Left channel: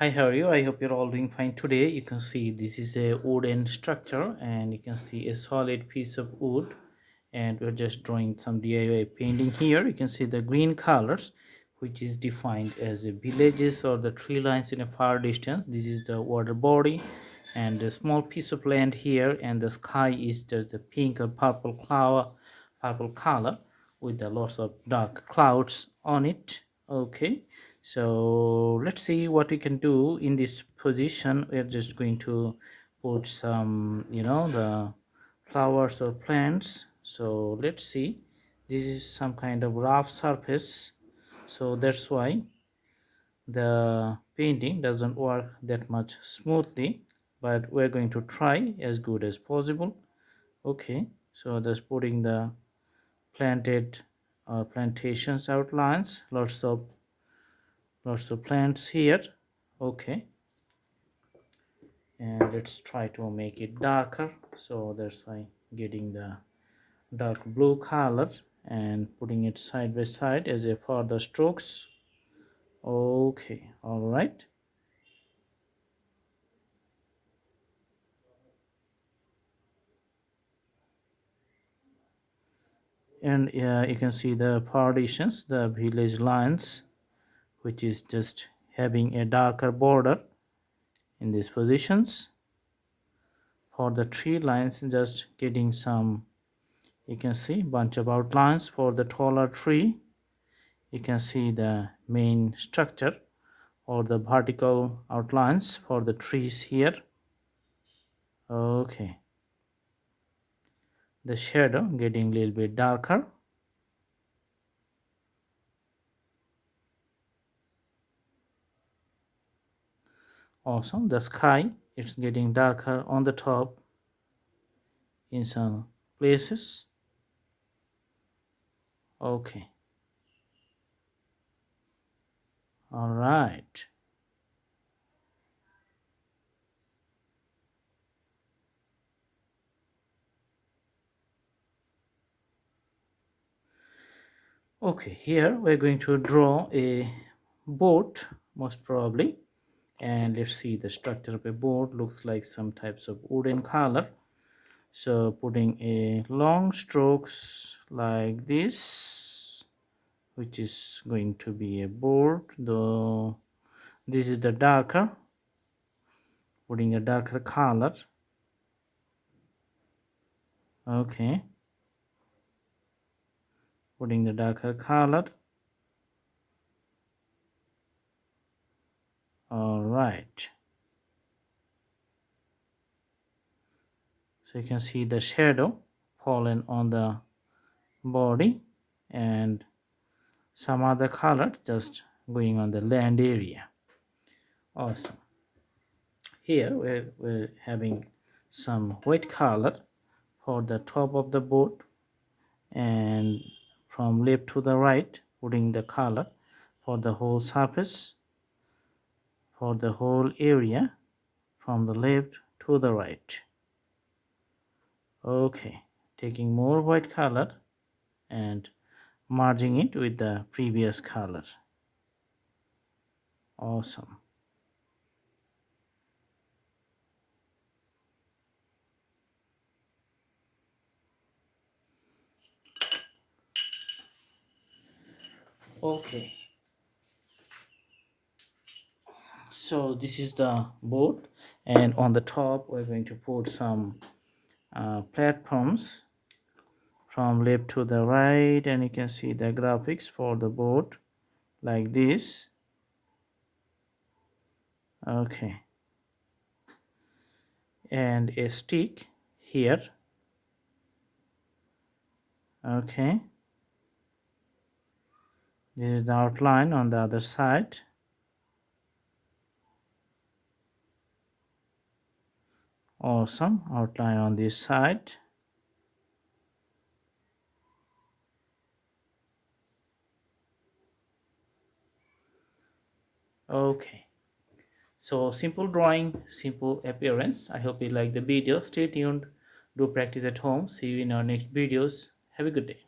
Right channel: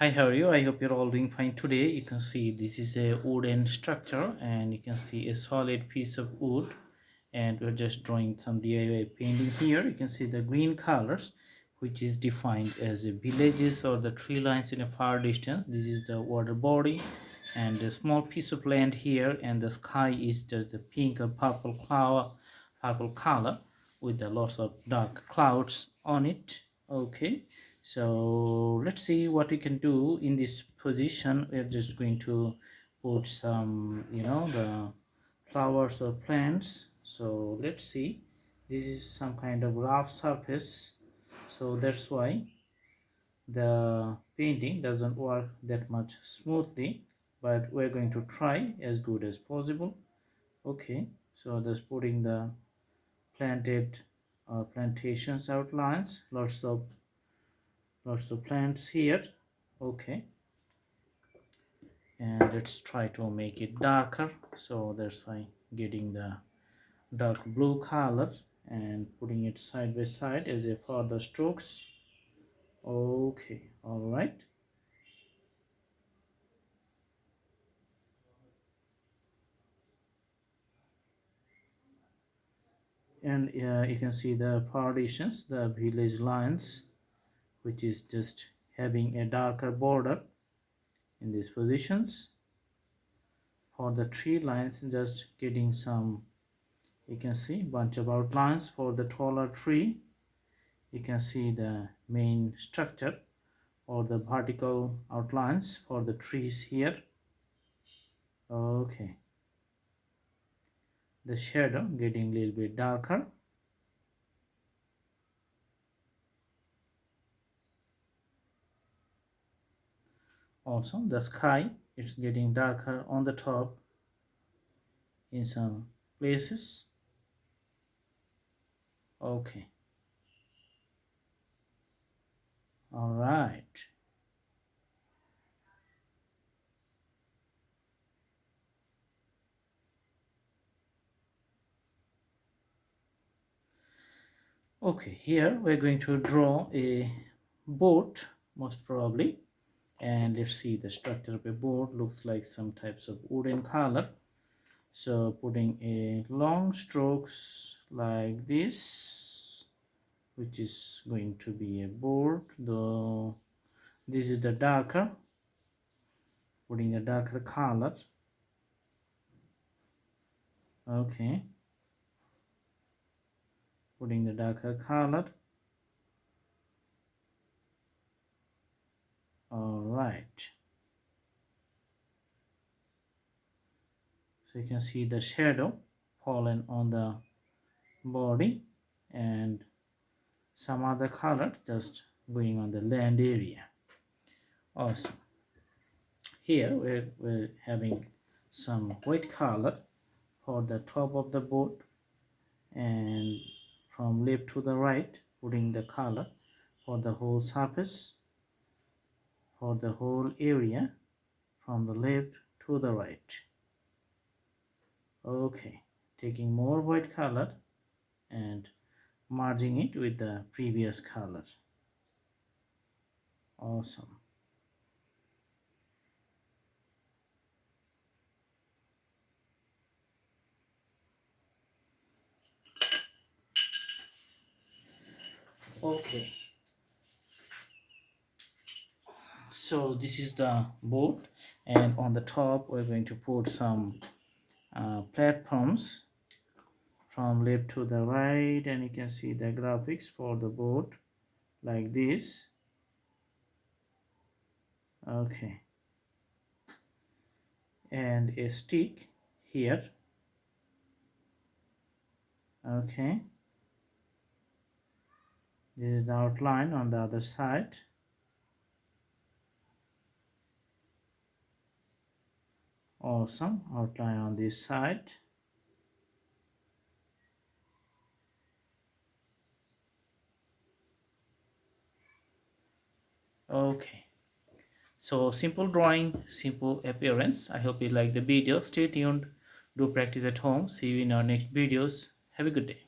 Hi, how are you? I hope you're all doing fine today. You can see this is a wooden structure and you can see a solid piece of wood, and we're just drawing some DIY painting here. You can see the green colors which is defined as the villages or the tree lines in a far distance. This is the water body and a small piece of land here, and the sky is just the pink or purple color with a lots of dark clouds on it. Okay, so let's see what we can do in this position. We're just going to put some, the flowers or plants. So let's see, this is some kind of rough surface, so that's why the painting doesn't work that much smoothly, but we're going to try as good as possible. Okay, so just putting the planted plantations outlines, lots of plants here. Okay, and let's try to make it darker, so that's why getting the dark blue color and putting it side by side as a further strokes. Okay, all right. And you can see the partitions, the village lines, which is just having a darker border in these positions. For the tree lines, just getting some, you can see bunch of outlines for the taller tree. You can see the main structure or the vertical outlines for the trees here. Okay, the shadow getting a little bit darker. Also, the sky, it's getting darker on the top in some places. Okay, all right. Okay, here we're going to draw a boat, most probably, and let's see, the structure of a boat looks like some types of wooden color. So putting a long strokes like this, which is going to be a board, though this is the darker, putting a darker color. Okay, putting the darker color. All right, so you can see the shadow fallen on the body and some other color just going on the land area. Awesome. Here we're having some white color for the top of the boat, and from left to the right putting the color for the whole surface, for the whole area, from the left to the right. Okay, taking more white color and merging it with the previous color. Awesome. Okay, so this is the boat, and on the top we're going to put some platforms from left to the right, and you can see the graphics for the boat like this. Okay, and a stick here. Okay, this is the outline on the other side. Awesome, outline on this side. Okay, so simple drawing, simple appearance. I hope you like the video. Stay tuned, do practice at home. See you in our next videos. Have a good day.